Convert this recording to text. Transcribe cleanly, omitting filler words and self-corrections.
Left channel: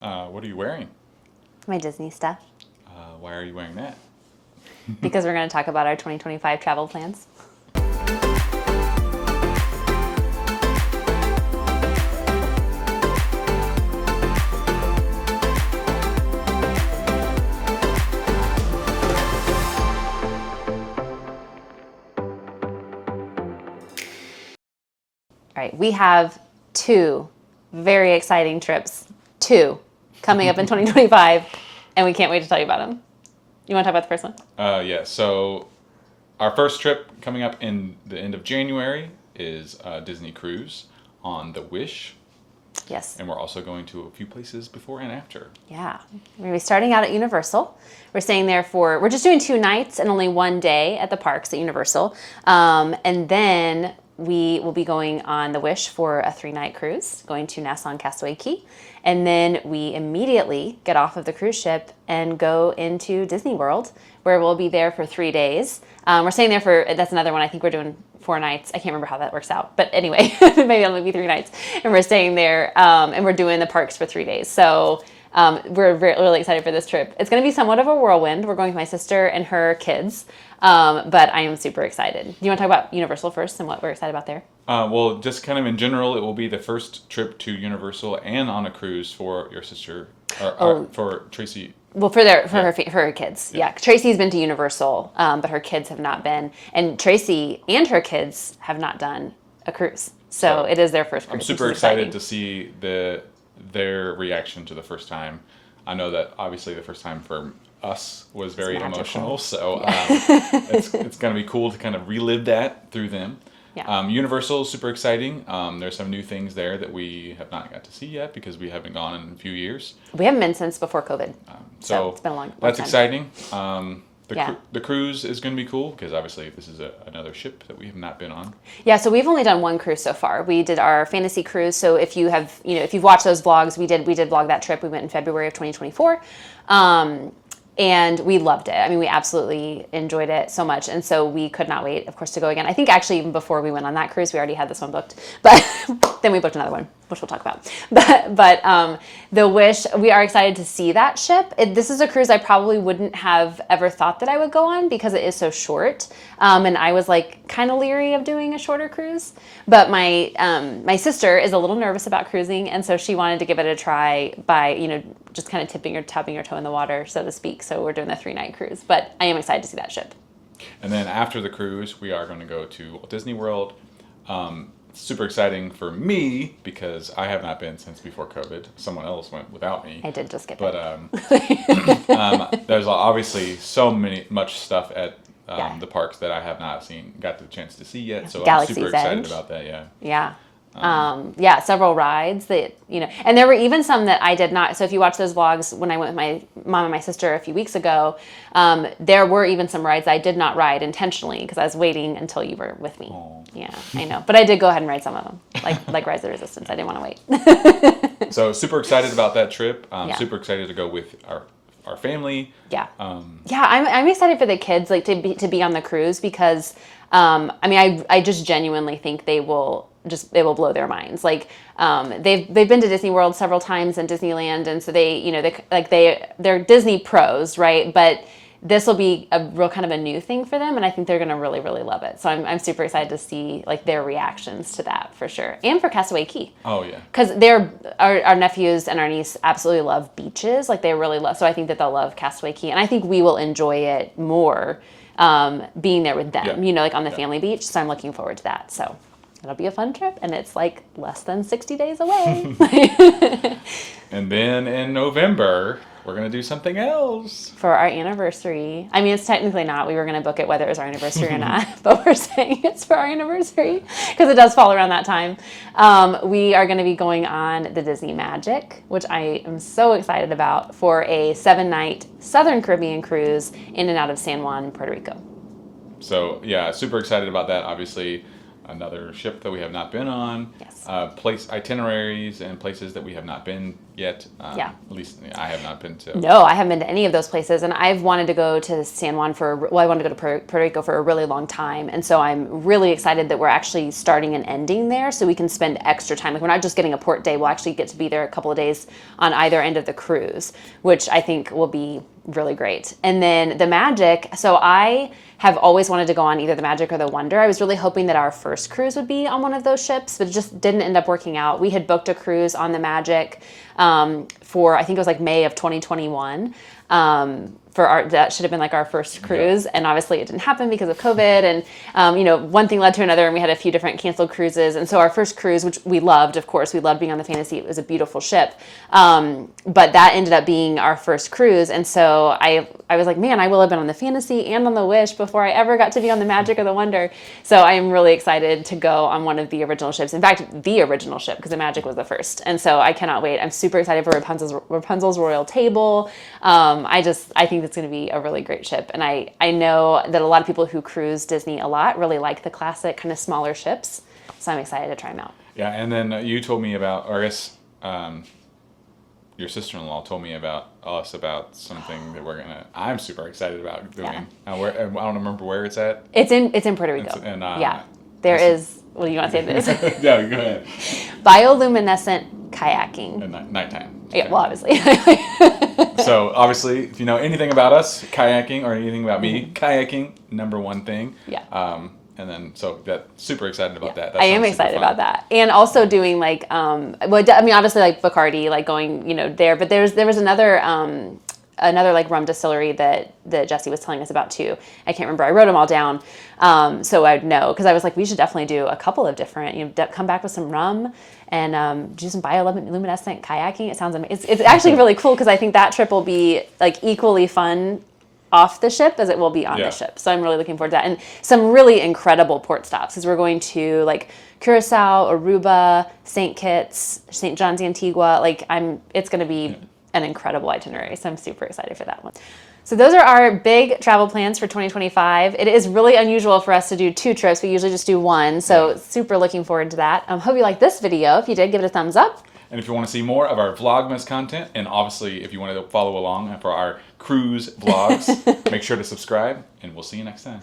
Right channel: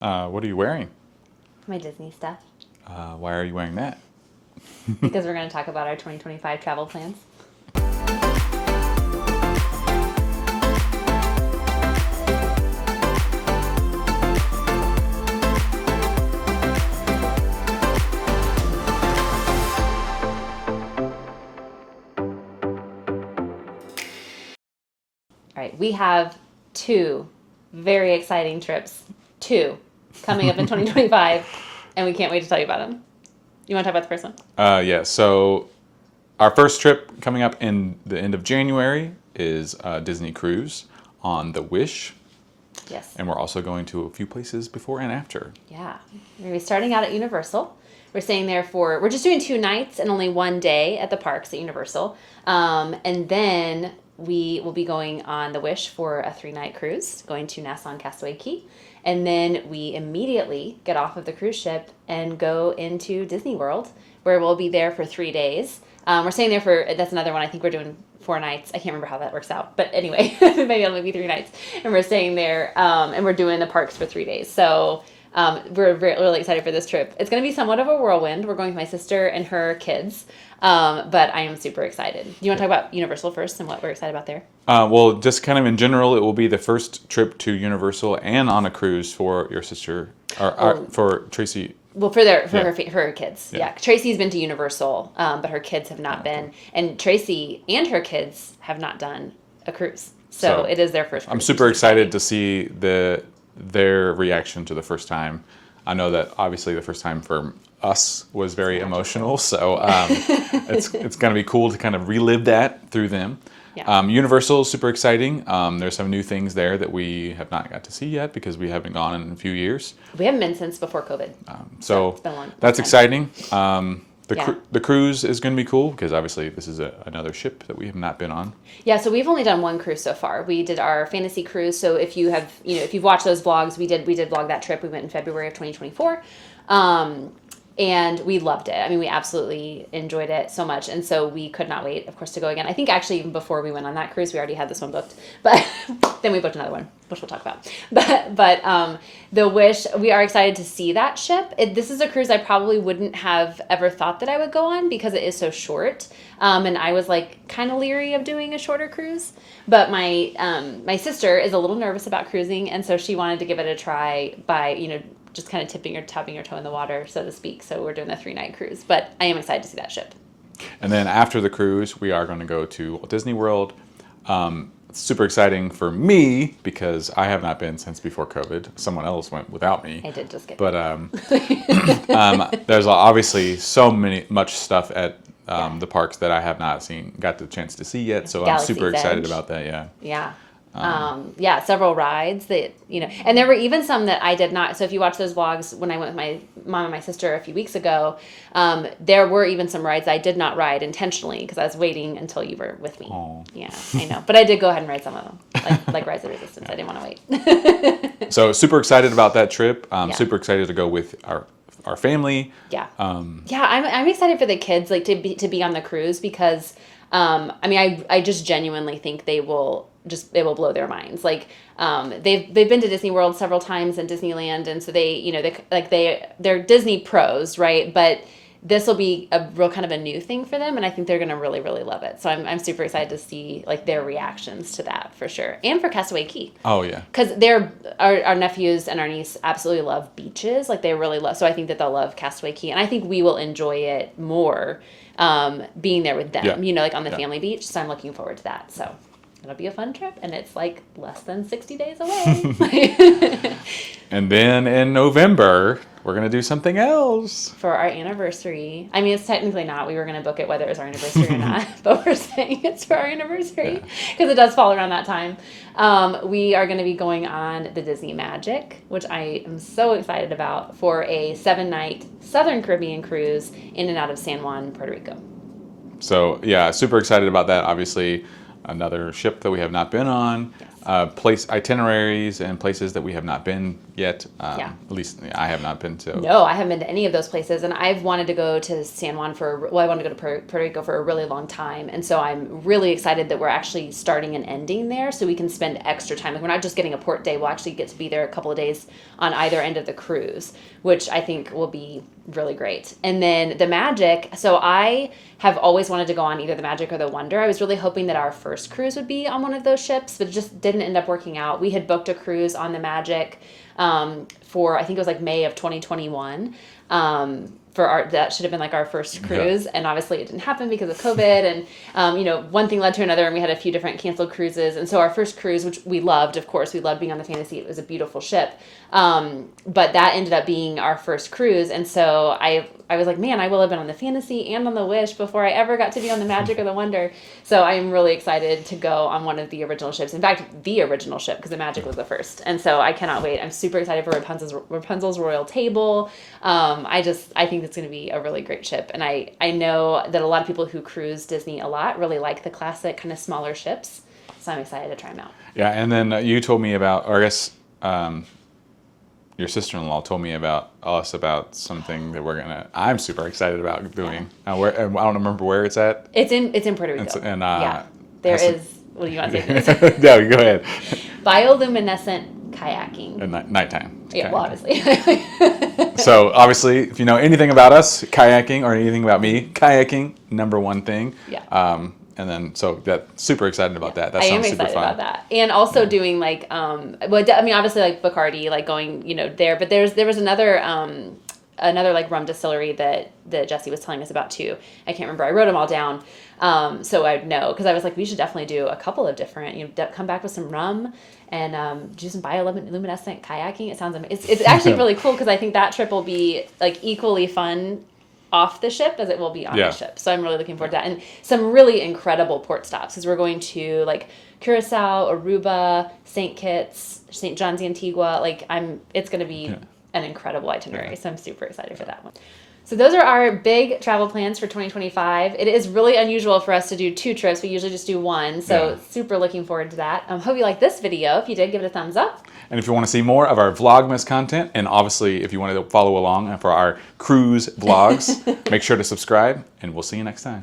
What are you wearing? My Disney stuff. Why are you wearing that? Because we're going to talk about our 2025 travel plans. All right, we have two very exciting trips, coming up in 2025, and we can't wait to tell you about them. You want to talk about the first one? Yeah, so our first trip coming up in the end of January is Disney Cruise on the Wish. Yes. And we're also going to a few places before and after. Yeah. We're going to be starting out at Universal. We're staying there we're just doing 2 nights and only 1 day at the parks at Universal. And then we will be going on the Wish for a 3-night cruise, going to Nassau and Castaway Cay. And then we immediately get off of the cruise ship and go into Disney World, where we'll be there for 3 days. We're staying there that's another one. I think we're doing 4 nights. I can't remember how that works out. But anyway, maybe it'll be 3 nights. And we're staying there and we're doing the parks for 3 days. So we're really excited for this trip. It's going to be somewhat of a whirlwind. We're going with my sister and her kids. But I am super excited. Do you want to talk about Universal first and what we're excited about there? Well, just kind of in general, it will be the first trip to Universal and on a cruise for your sister, or for Tracy. Well, for her kids, yeah. Tracy's been to Universal, but her kids have not been, and Tracy and her kids have not done a cruise, so it is their first cruise. I'm super excited to see their reaction to the first time. I know that obviously the first time for us was very emotional, so it's going to be cool to kind of relive that through them. Yeah. Universal is super exciting. There's some new things there that we have not got to see yet because we haven't gone in a few years. We haven't been since before COVID. So it's been a long that's time. Exciting. The cruise is going to be cool because obviously this is another ship that we have not been on. Yeah, so we've only done 1 cruise so far. We did our fantasy cruise. So if you've watched those vlogs, we did vlog that trip. We went in February of 2024. And we loved it. I mean, we absolutely enjoyed it so much. And so we could not wait, of course, to go again. I think actually even before we went on that cruise, we already had this one booked. But then we booked another one, which we'll talk about. But the Wish, we are excited to see that ship. This is a cruise I probably wouldn't have ever thought that I would go on because it is so short. And I was like kind of leery of doing a shorter cruise. But my sister is a little nervous about cruising. And so she wanted to give it a try by, just kind of tapping your toe in the water, so to speak. So we're doing a 3-night cruise, but I am excited to see that ship. And then after the cruise, we are going to go to Walt Disney World. It's super exciting for me because I have not been since before COVID. Someone else went without me. I did just get But there's obviously much stuff at the parks that I have not got the chance to see yet. So Galaxy's I'm super excited Edge. about that. Yeah. Yeah. Several rides that, and there were even some that I did not. So if you watch those vlogs, when I went with my mom and my sister a few weeks ago, there were even some rides I did not ride intentionally because I was waiting until you were with me. Aww. Yeah, I know. But I did go ahead and ride some of them, like Rise of the Resistance. I didn't want to wait. So super excited about that trip. Super excited to go with our family. Yeah. I'm excited for the kids, to be on the cruise because, I just genuinely think they will blow their minds. They've been to Disney World several times and Disneyland, and so they're Disney pros, right? But this will be a real kind of a new thing for them, and I think they're going to really, really love it. So I'm super excited to see their reactions to that for sure, and for Castaway Cay. Oh yeah, because our nephews and our niece absolutely love beaches, they really love. So I think that they'll love Castaway Cay, and I think we will enjoy it more being there with them. On the family beach. So I'm looking forward to that. So it'll be a fun trip, and it's less than 60 days away. And then in November, we're going to do something else. For our anniversary. I mean, it's technically not. We were going to book it whether it was our anniversary or not, but we're saying it's for our anniversary because it does fall around that time. We are going to be going on the Disney Magic, which I am so excited about, for a 7-night Southern Caribbean cruise in and out of San Juan, Puerto Rico. So, yeah, super excited about that, obviously. another ship that we have not been on, Yes. place itineraries and places that we have not been yet. Yeah. At least I have not been to. No, I haven't been to any of those places, and I've wanted to go to San Juan I wanted to go to Puerto Rico for a really long time, and so I'm really excited that we're actually starting and ending there, so we can spend extra time. Like we're not just getting a port day; we'll actually get to be there a couple of days on either end of the cruise, which I think will be really great. And then the Magic. So I have always wanted to go on either the Magic or the Wonder. I was really hoping that our first cruise would be on one of those ships, but it just didn't end up working out. We had booked a cruise on the Magic for, I think it was like May of 2021. That should have been like our first cruise, and obviously it didn't happen because of COVID, and one thing led to another, and we had a few different canceled cruises. And so our first cruise, which we loved, of course, we loved being on the Fantasy. It was a beautiful ship, but that ended up being our first cruise, and so I was like, man, I will have been on the Fantasy and on the Wish before I ever got to be on the Magic or the Wonder. So I am really excited to go on one of the original ships. In fact, the original ship, because the Magic was the first, and so I cannot wait. I'm super excited for Rapunzel's Royal Table. I think it's going to be a really great ship. And I know that a lot of people who cruise Disney a lot really like the classic kind of smaller ships. So I'm excited to try them out. Yeah, and then you told me about, or I guess your sister-in-law told me about something that I'm super excited about doing. I don't remember where it's at. It's in Puerto Rico. Yeah. There is, what do you want to say? Yeah, go ahead. Bioluminescent kayaking. At nighttime. Yeah, well, obviously. So obviously, if you know anything about us, kayaking, or anything about me, kayaking, number one thing. Yeah. And then, so super excited about that. That I am sounds super excited fun. about that. And also doing like, obviously like Bacardi, like going, there, but there was another like rum distillery that Jesse was telling us about too. I can't remember. I wrote them all down. So I'd know, because I was like, we should definitely do a couple of different, come back with some rum and do some bioluminescent kayaking. It sounds amazing. It's actually really cool, because I think that trip will be like equally fun off the ship as it will be on the ship. So I'm really looking forward to that. And some really incredible port stops, as we're going to like Curacao, Aruba, St. Kitts, St. John's Antigua. It's going to be an incredible itinerary. So I'm super excited for that one. So those are our big travel plans for 2025. It is really unusual for us to do 2 trips. We usually just do 1. So super looking forward to that. Hope you like this video. If you did, give it a thumbs up. And if you want to see more of our Vlogmas content, and obviously if you want to follow along for our cruise vlogs, make sure to subscribe, and we'll see you next time.